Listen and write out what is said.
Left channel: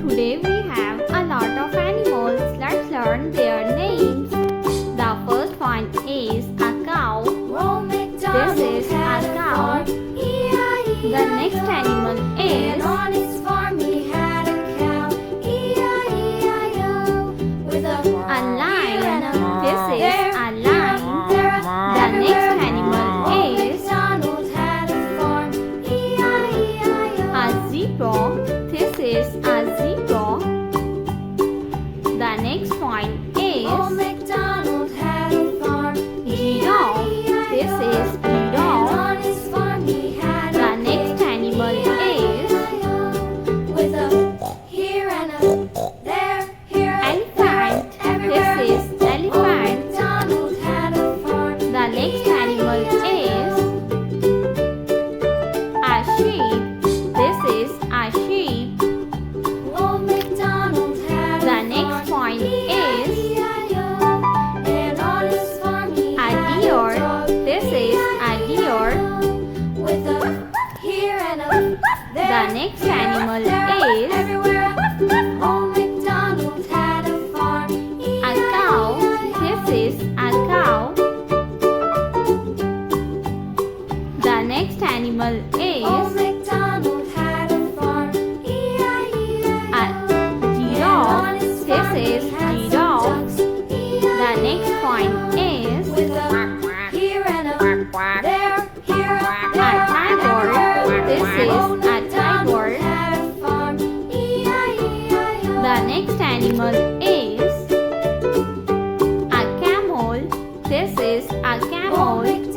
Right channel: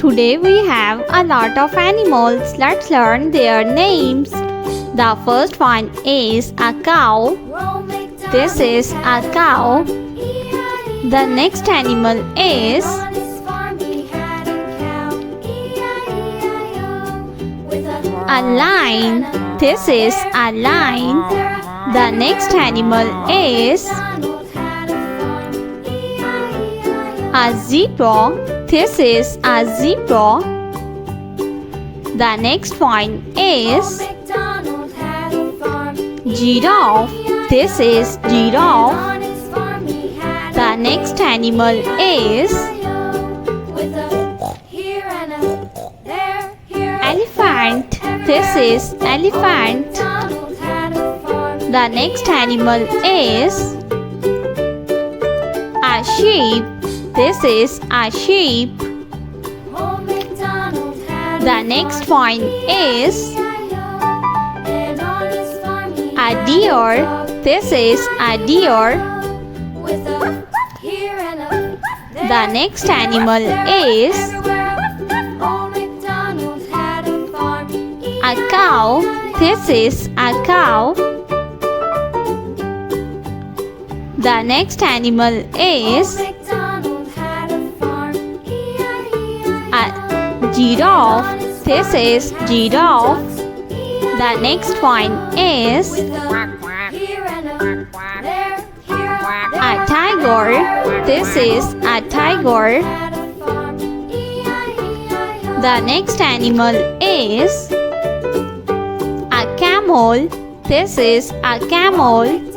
Today we have a lot of animals. Let's learn their names. The first one is a cow. This is a cow. The next animal is a lion. This is a lion. The next animal is a zebra. This is a zebra. The next one is giraffe. This is giraffe. The next animal is elephant. This is elephant. The next animal is a sheep. This is a sheep. The next one is a deer. This is a deer. The next animal is a cow. This is a cow. The next animal is a giraffe. This is giraffe. The next one is a tiger. This is a tiger. The next animal is a camel. This is a camel.